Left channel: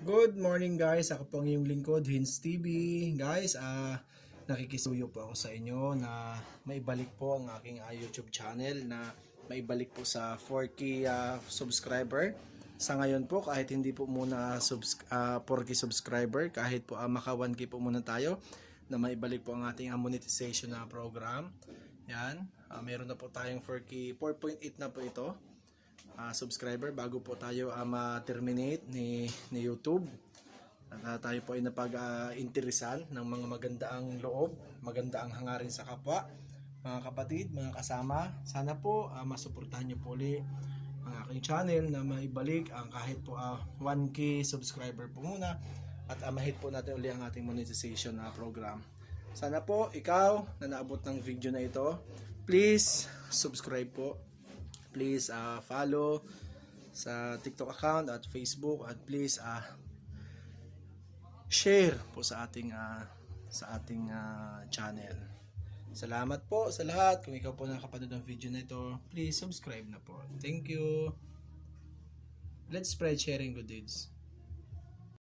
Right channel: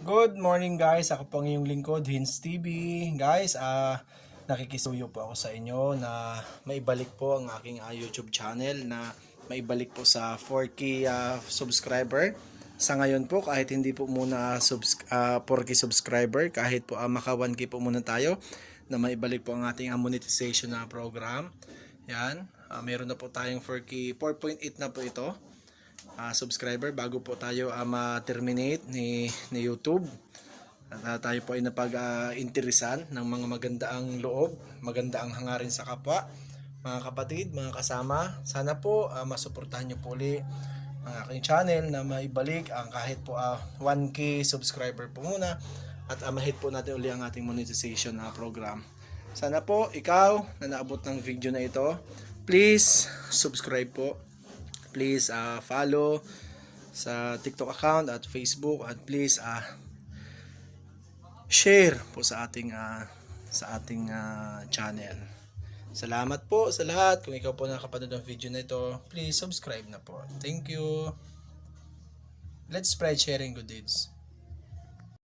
Good morning guys, ako po ang iyong lingkod, Hinz TV. Guys, nakikisuyo po ako sa inyo na maibalik po ang aking YouTube channel na maibalik po sa 4K subscriber. Sa ngayon po, kahit hindi po muna 4K subscriber, kahit po maka 1K po muna tayo, na maibalik po ang ating monetization na program. Yan, meron na po tayong 4K, 4.8 na po ito. Subscriber bago po tayo ma-terminate ni YouTube. Tayo po ay napag-interesan ng mga magandaang loob, magandaang hangarin sa kapwa, mga kapatid, mga kasama. Sana po masuportahan nyo po ulit ang aking channel na maibalik ang kahit po 1K subscriber po muna at mahit po natin ulit ang ating monetization program. Sana po ikaw na naabot ng video na ito, please subscribe po. Please follow sa TikTok account at Facebook at please share po sa ating channel. Salamat po sa lahat. Kung ikaw po nakapanood ng video na ito, please subscribe na po. Thank you. Let's spread sharing good deeds.